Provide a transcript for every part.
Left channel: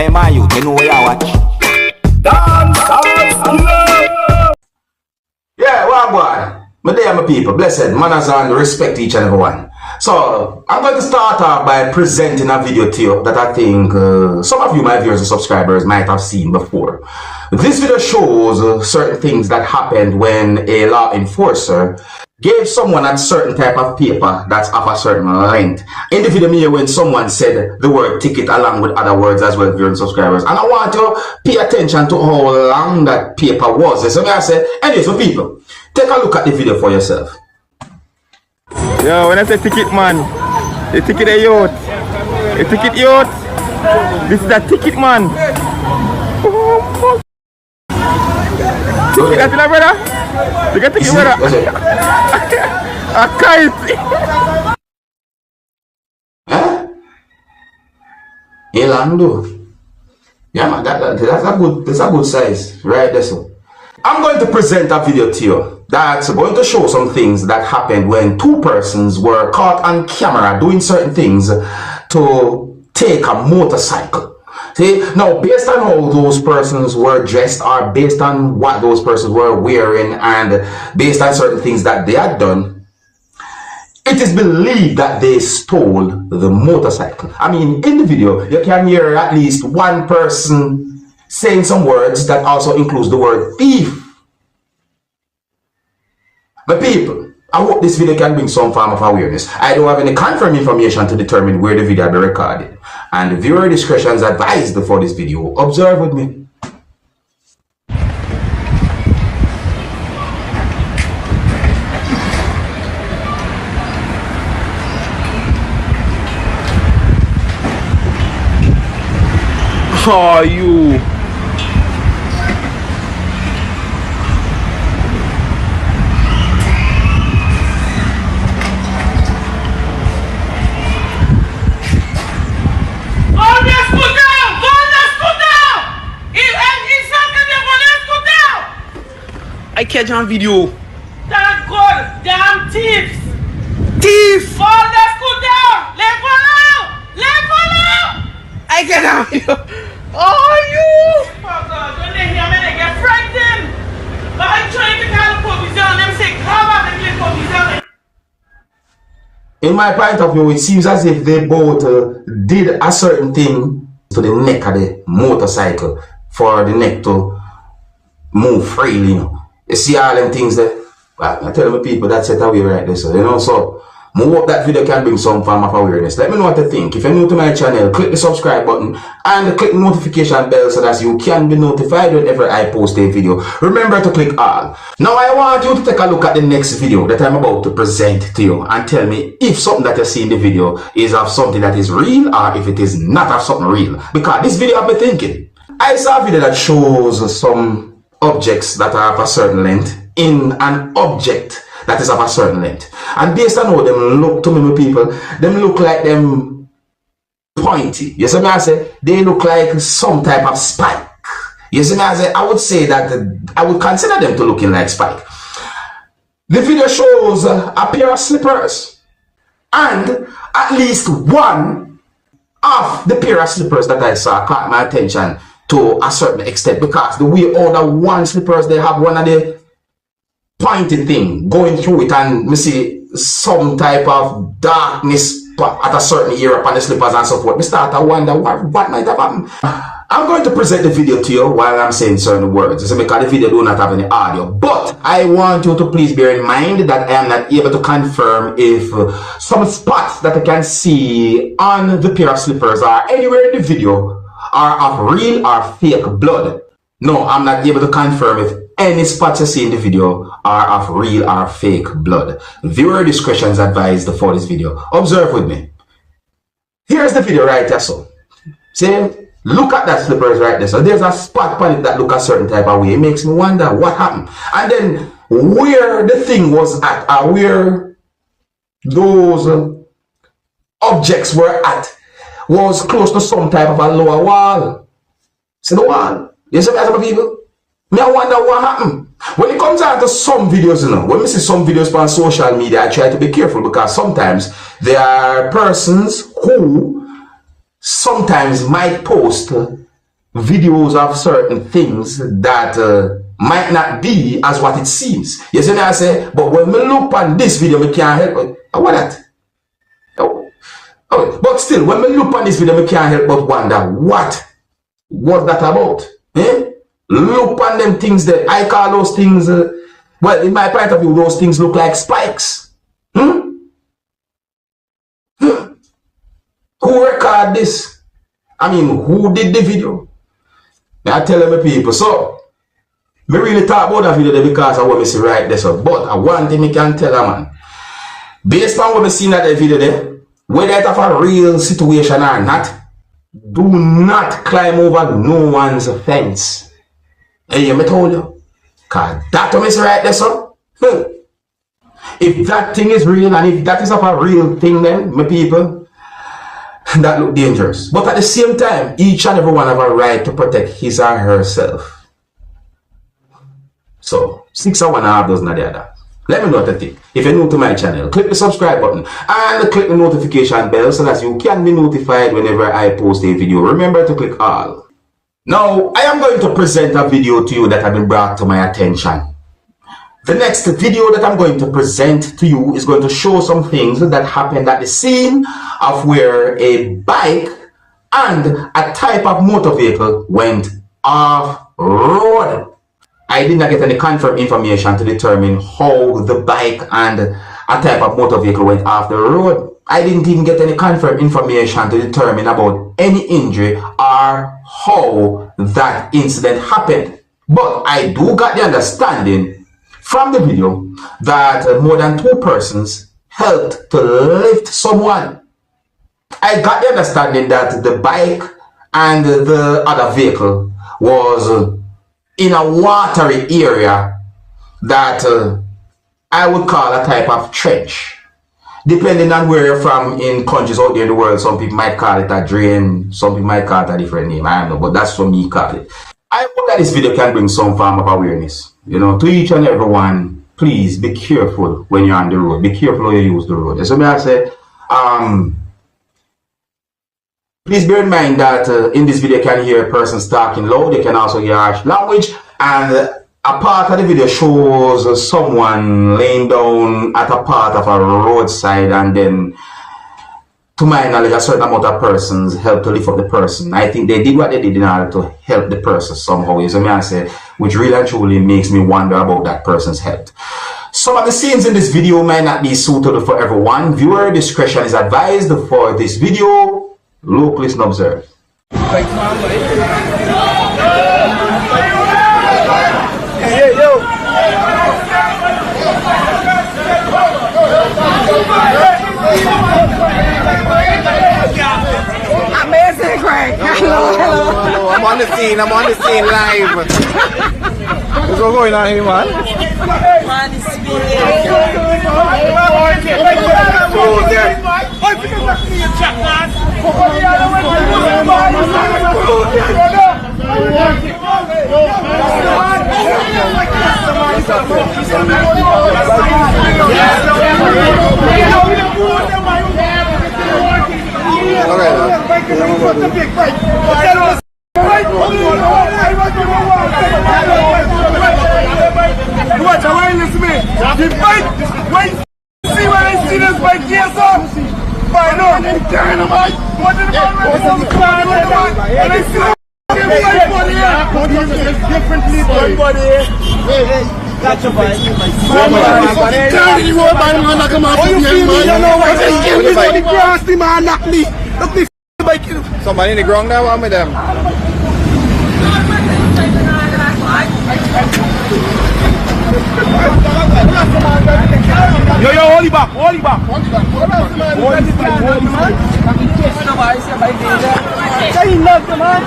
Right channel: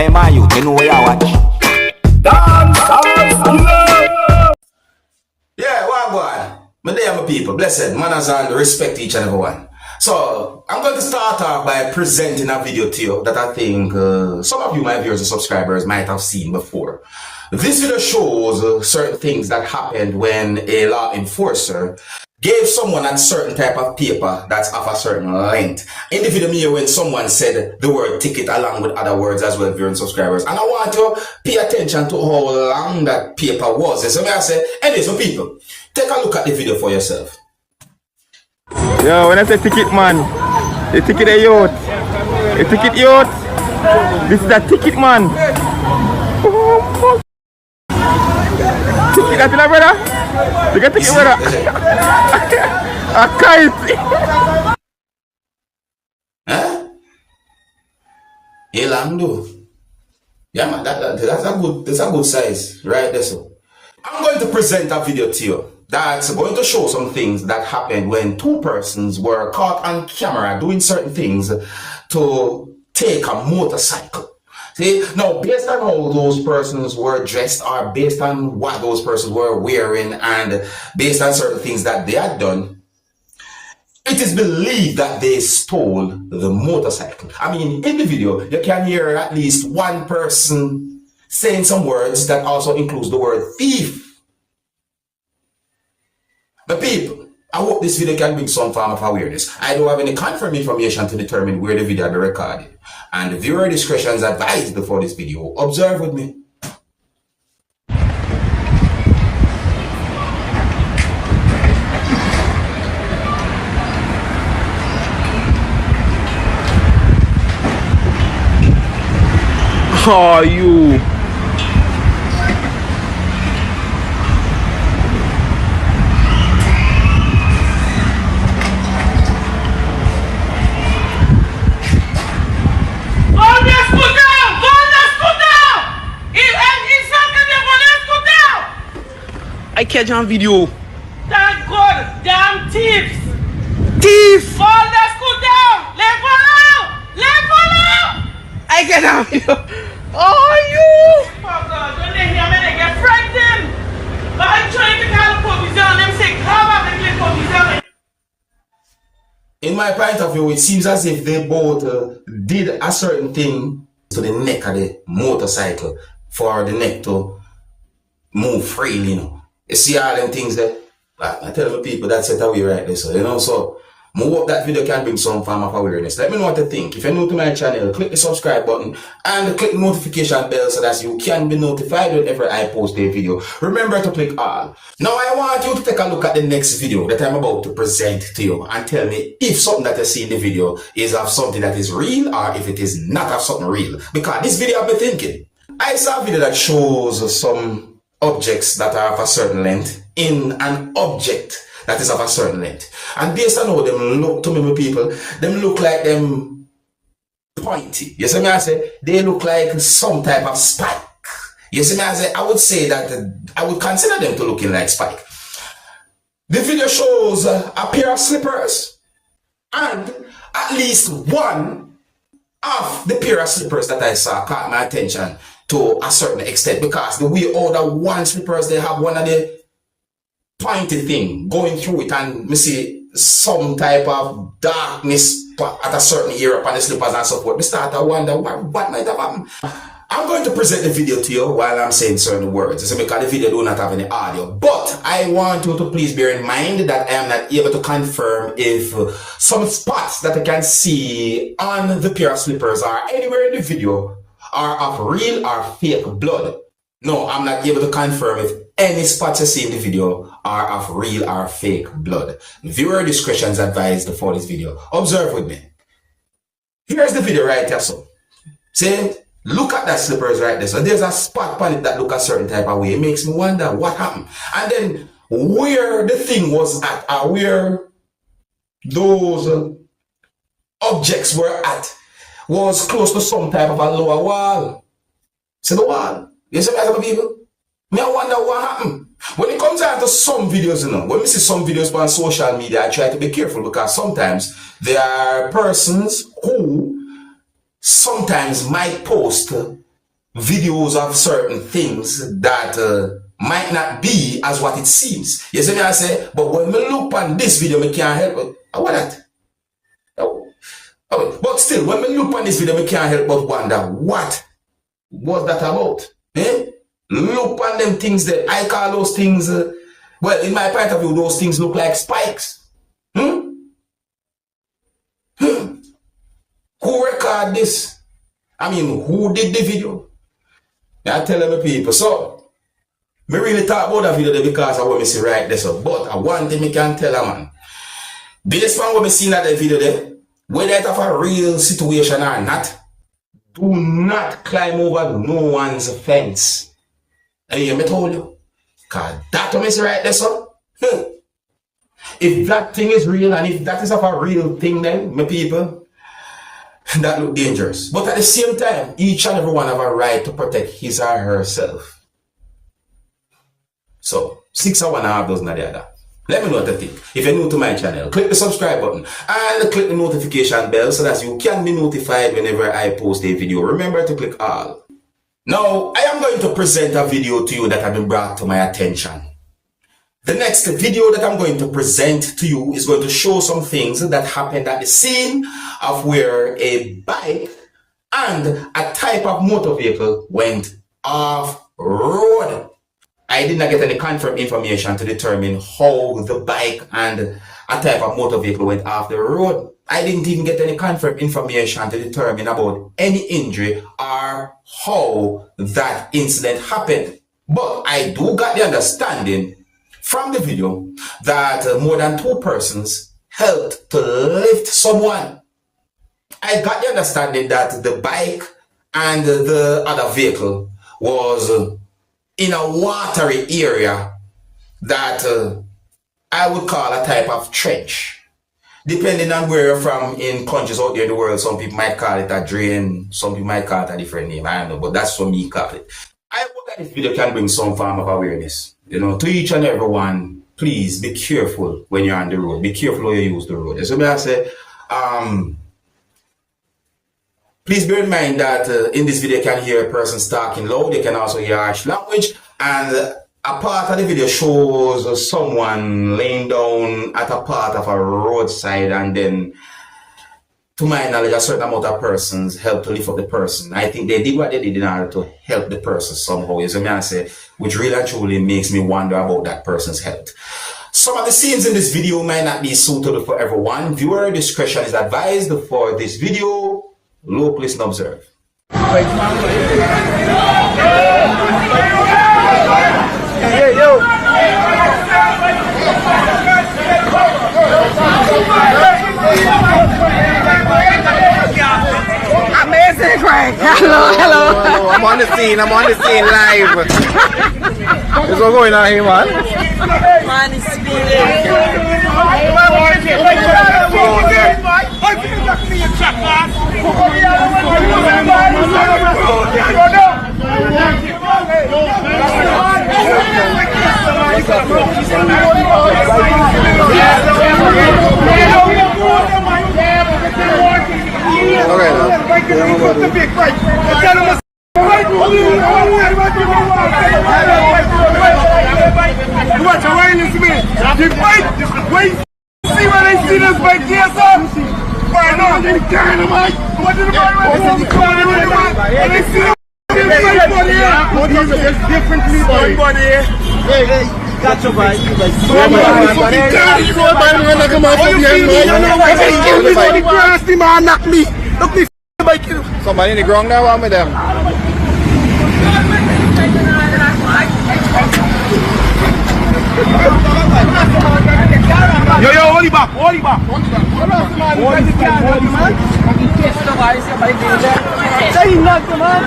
Hey man, you know where you watch? Dancehall. Yeah, well, boy. My dear my people, blessed manners and respect each and every one. So, I'm going to start off by presenting a video to you that I think some of you, my viewers and subscribers, might have seen before. This video shows certain things that happened when a law enforcer gave someone a certain type of paper that's of a certain length. In the video, me when someone said the word ticket along with other words as well, viewers and subscribers. And I want you to pay attention to how long that paper was. So I say, anyway, so people, take a look at the video for yourself. Yo, when I say ticket man, the ticket a yacht. The ticket yacht. This is a ticket man. Ticket that brother? You get ticket brother? A kite. Huh? Elando. Yeah man, that's a good size. Right there so. I'm going to present a video to you that's going to show some things that happened when two persons were caught on camera doing certain things to take a motorcycle. See, now based on how those persons were dressed or based on what those persons were wearing and based on certain things that they had done, it is believed that they stole the motorcycle. I mean, in the video, you can hear at least one person saying some words that also includes the word thief. But people, I hope this video can bring some form of awareness. I don't have any confirmed information to determine where the video will be recorded. And viewer discretion is advised before this video. Observe with me. Oh, you. I catch on video. Thank God, damn thieves! Thief! All let's go down! Let go out! Let go out! I catch on video. Oh, you! Oh God, when they hear me, they get frightened! But I'm trying to call the police on them, say, come up and get police on. In my point of view, it seems as if they both did a certain thing to the neck of the motorcycle for the neck to move freely, you know. You see all them things there? Well, I tell the people that's it away right there, so you know, so I hope that video can bring some form of awareness. Let me know what you think. If you're new to my channel, click the subscribe button and click the notification bell so that you can be notified whenever I post a video. Remember to click all. Now I want you to take a look at the next video that I'm about to present to you and tell me if something that you see in the video is of something that is real or if it is not of something real. Because this video I've been thinking. I saw a video that shows some objects that are of a certain length in an object that is of a certain length. And based on how them look to me, my people, them look like them pointy. You see me I say? They look like some type of spike. You see me I say? I would say that I would consider them to looking like spike. The video shows a pair of slippers. And at least one of the pair of slippers that I saw caught my attention to a certain extent, because the way all the one slippers, they have one of the pointy thing going through it, and we see some type of darkness at a certain area upon the slippers and so forth. We start to wonder what might have happened. I'm going to present the video to you while I'm saying certain words. So because the video do not have any audio, but I want you to please bear in mind that I am not able to confirm if some spots that I can see on the pair of slippers are anywhere in the video are of real or fake blood. No, I'm not able to confirm if any spots you see in the video are of real or fake blood. Viewer discretion is advised for this video. Observe with me. Here's the video right there, so. See, look at that slippers right there. So there's a spot on it that look a certain type of way. It makes me wonder what happened. And then where the thing was at, or where those objects were at, was close to some type of a lower wall. See the wall? You see that, people? Me, I wonder what happened. When it comes out to some videos, you know, when we see some videos on social media, I try to be careful because sometimes there are persons who sometimes might post videos of certain things that might not be as what it seems. You see me, I say, but when we look on this video, we can't help but what that? Oh, but still, when we look on this video, we can't help but wonder what was that about? Look on them things that I call those things, well, in my point of view, those things look like spikes. Who recorded this? I mean, who did the video? I tell them people. So, me really talk about that video there because I want me see right there. So, but I one thing me can tell a man. Based on what me seen at the video there, whether it's a real situation or not, do not climb over no one's fence. Hey, me told you. Cause that what me see right there, so. If that thing is real and if that is of a real thing then, my people, that look dangerous. But at the same time, each and every one have a right to protect his or herself. So, 6 or 1 half dozen of the other. Let me know what you think. If you're new to my channel, click the subscribe button and click the notification bell so that you can be notified whenever I post a video. Remember to click all. Now, I am going to present a video to you that has been brought to my attention. The next video that I'm going to present to you is going to show some things that happened at the scene of where a bike and a type of motor vehicle went off road. I did not get any confirmed information to determine how the bike and a type of motor vehicle went off the road. I didn't even get any confirmed information to determine about any injury or how that incident happened. But I do got the understanding from the video that more than 2 persons helped to lift someone. I got the understanding that the bike and the other vehicle was in a watery area that I would call a type of trench. Depending on where you're from in countries out there in the world, some people might call it a drain, some people might call it a different name, I don't know, but that's what me call it. I hope that this video can bring some form of awareness. You know, to each and every one, please be careful when you're on the road. Be careful how you use the road. So may I say, please bear in mind that in this video you can hear persons talking loud. You can also hear harsh language. And a part of the video shows someone laying down at a part of a roadside, and then, to my knowledge, a certain amount of persons helped to lift up the person. I think they did what they did in order to help the person somehow. So may I say, which really and truly makes me wonder about that person's health. Some of the scenes in this video might not be suitable for everyone. Viewer discretion is advised for this video. Look, listen, observe. Hey, yo! Amazing, right? Hello. I'm on the scene live. What's going on here, man? Man, it's Catch your bike. Somebody in the ground now, I'm with them. Yo, hold it back. Say nothing, man.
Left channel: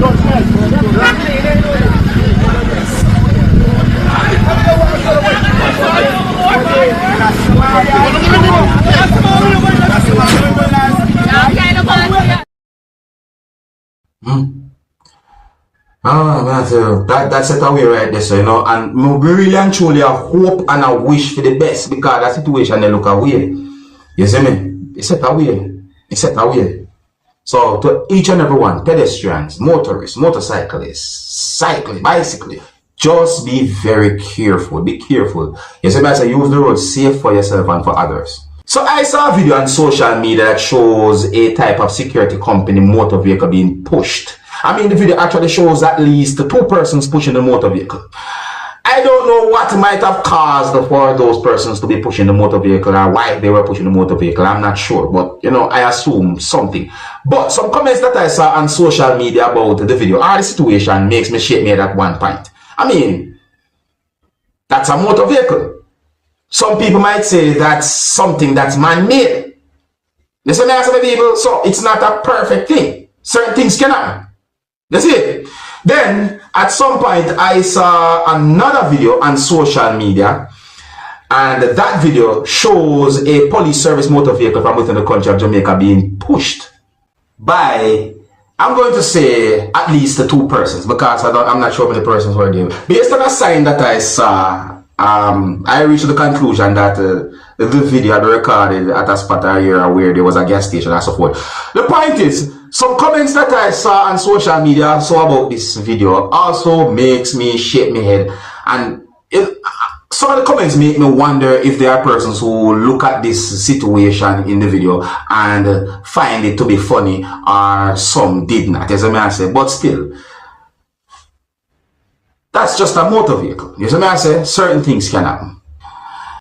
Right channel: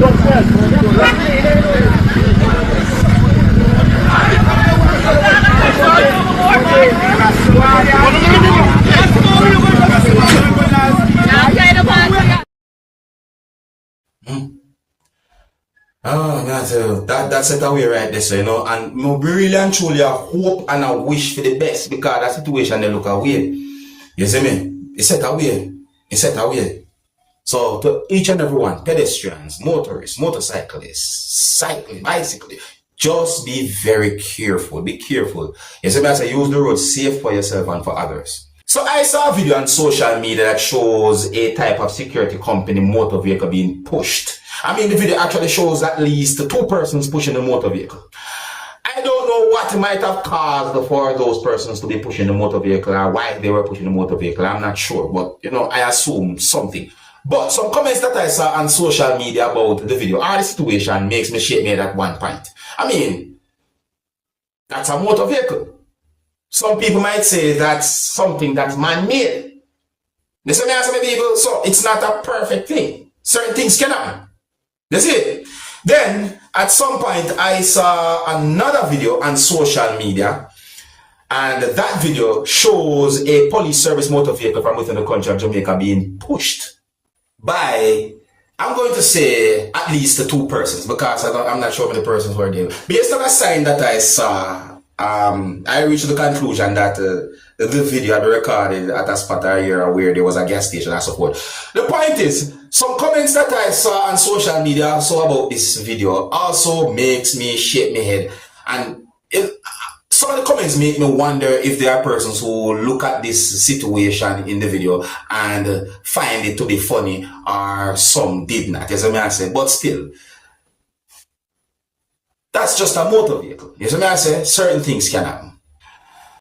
Don't Ah, man, so that's it away right there, so, you know, and we really and truly I hope and I wish for the best because that situation they look away. You see me? It's set away. It's set away. So to each and every one, pedestrians, motorists, motorcyclists, cyclists, bicyclists, just be very careful. Be careful. You see me? I say use the road safe for yourself and for others. So I saw a video on social media that shows a type of security company motor vehicle being pushed. I mean, the video actually shows at least 2 persons pushing the motor vehicle. I don't know what might have caused for those persons to be pushing the motor vehicle or why they were pushing the motor vehicle. I'm not sure, but, you know, I assume something. But some comments that I saw on social media about the video or the situation makes me shake my head at one point. I mean, that's a motor vehicle. Some people might say that's something that's man-made. You see me as some people? So it's not a perfect thing. Certain things can happen. That's it. Then, at some point, I saw another video on social media, and that video shows a police service motor vehicle from within the country of Jamaica being pushed by, I'm going to say, at least 2 persons, because I'm not sure how many persons were there. Based on a sign that I saw, I reached the conclusion that the video had been recorded at a spot area where there was a gas station and so forth. The point is, some comments that I saw on social media also about this video also makes me shake my head. And some of the comments make me wonder if there are persons who look at this situation in the video and find it to be funny, or some did not, as I may say. But still, that's just a motor vehicle. You see what I say? Certain things can happen.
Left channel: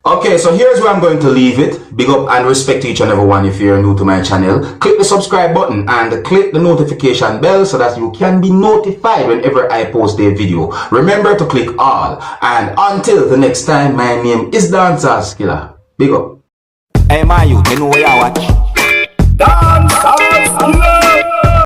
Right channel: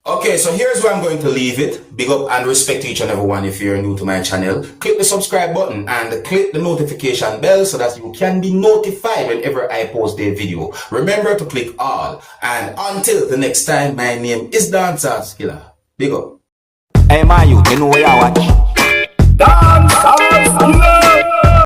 Okay, so here's where I'm going to leave it. Big up and respect to each and every one if you're new to my channel. Click the subscribe button and click the notification bell so that you can be notified whenever I post a video. Remember to click all. And until the next time, my name is Dancehall Skilla. Big up. Hey, my youth, you know what you watch?